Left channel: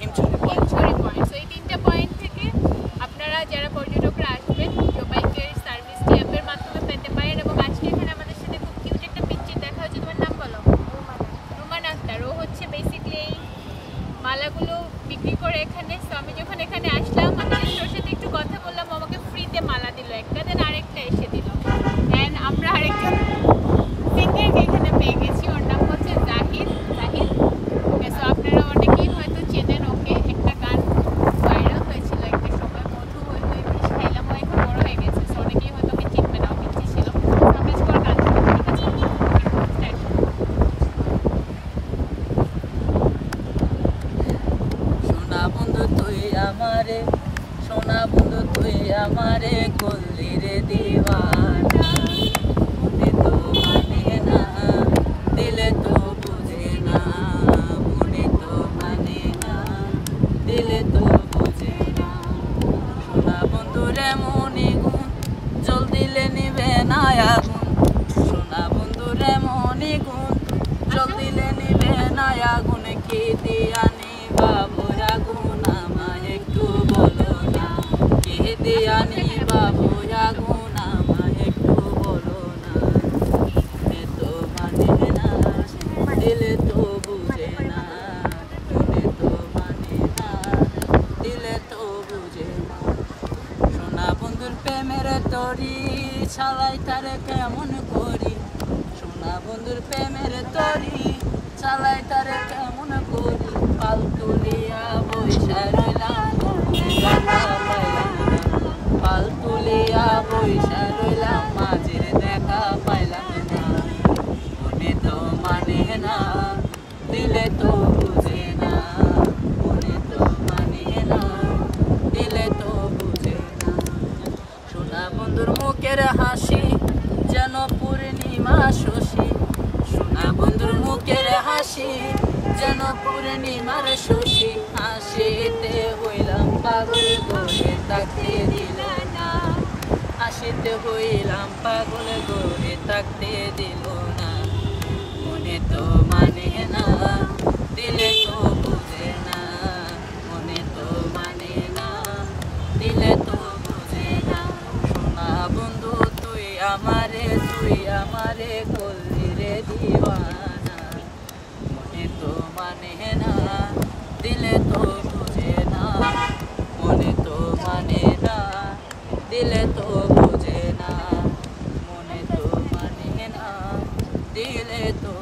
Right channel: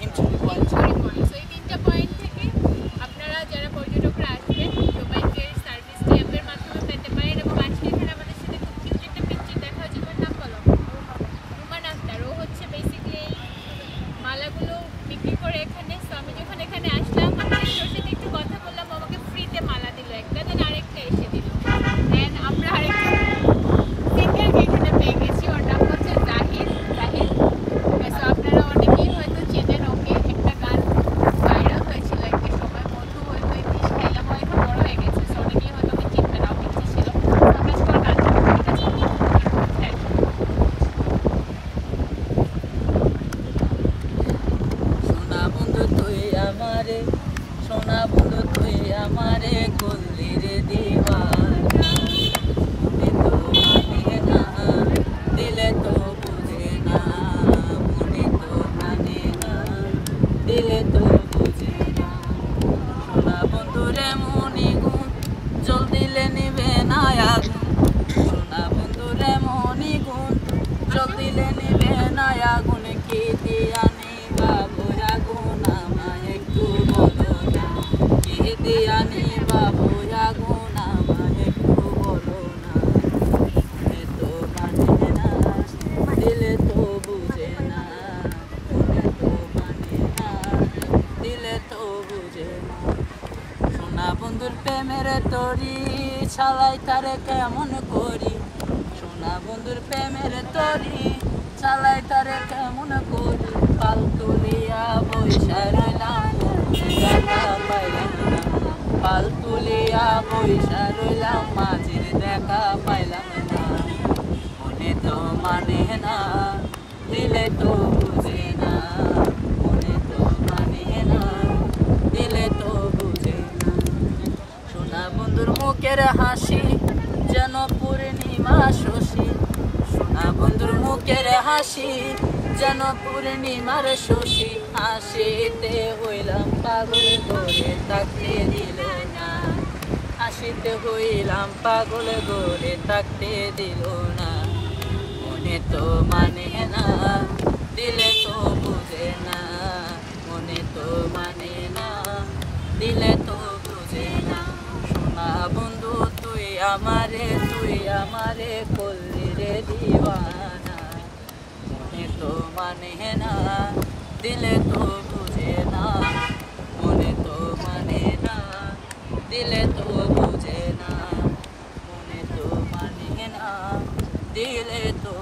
Himchari point. So এই 3টা point থেকে আপনারা যারা পর্যটকরা আসবেন ইকো বাইকের সার্ভিসটি অ্যাপের মাধ্যমে পেতে পারেন। এবং আজকে এখানে আমাদের সাথে খুব কিউট একটা পিচ্চির দেখা হচ্ছে। তোমার নাম বলো? রুমান আক্তার। ও হচ্ছে বেসিক্যালি এই মালাগুলো বিক্রি করে এখানে। সো আমি যখন এখানে আসলাম আমি ওর সাথে একটু কথা বললাম, আমাকে ফ্রিতে মালা দিল একটা, দেন আরেকটা এসে দিল। অ্যান্ড আমরা আরেকজন সিঙ্গারকে এখানে পেয়ে গেছি, ওর নাম হচ্ছে জাহিদ। সো আপনারা অনেকেই হয়তো চেনেন ওকে, একটা গান ভাইরাল হয়েছিল একটা সময়, মধু হই হই বিষ খাইলাম, ও এখন বড় হয়ে গেছে। সো অনেকেই হয়তো ওকে চিনবে না, পিচ্ছি ছিল। আমরা স্টোর গান ঠিক আছে। সোনা বন্ধু তুই আমারে, সোনা বন্ধু তুই আমারে করলি রে দিওয়ানা। মনে তো মানে না, দিলে তো বুঝে না, মনে তো মানে না, দিলে তো বুঝে না। সোনা বন্ধুরে মনি গুণ, জল দিলে নিবে না আগুন। সোনা বন্ধুরে মনি গুণ, জল দিলে নিবে না আগুন। কি দিয়া নিবা বোরা গুণ আমায় একটু বলো না, কি দিয়া নিবা বোরা গুণ আমায় একটু বলো না। মনে তো মানে না, দিলে তো বুঝে না, মনে তো মানে না, দিলে তো বুঝে না। সোনা বন্ধুর প্রেমের তরি ছালাই তারে কেমন করি, সোনা বন্ধুর প্রেমের তরি চালাই তারে কেমন করি। পাল তুলিয়া বৈশা রইলাম দেখা পাইলাম না, পাল তুলিয়া বৈশা রইলাম মাঝির দেখা পাইলাম না। মনে তো মানে না, দিলে তো বুঝে না, মনে তো মানে না, দিলে তো বুঝে না। সোনা বন্ধুর মুখের হাসি যেন পূর্ণিমা শশী, সোনা বন্ধুর মুখের হাসি যেন পূর্ণিমার শশী। হাসিতে হইলাম পাগল করে থাকতে দিল না, হাসিতে হইলাম পাগল করে থাকতে দিল না। মনে তো মানে না, দিলে তো বুঝে না, মনে তো মানে না, দিলে তো বুঝে না। সোনা বন্ধু তুই আমারে করলি রে দিওয়ানা। মনে তো মানে না, দিলে তো বুঝে না, মনে তো মানে না, দিলে তো বুঝে না, মনে তো মানে না, দিলে তো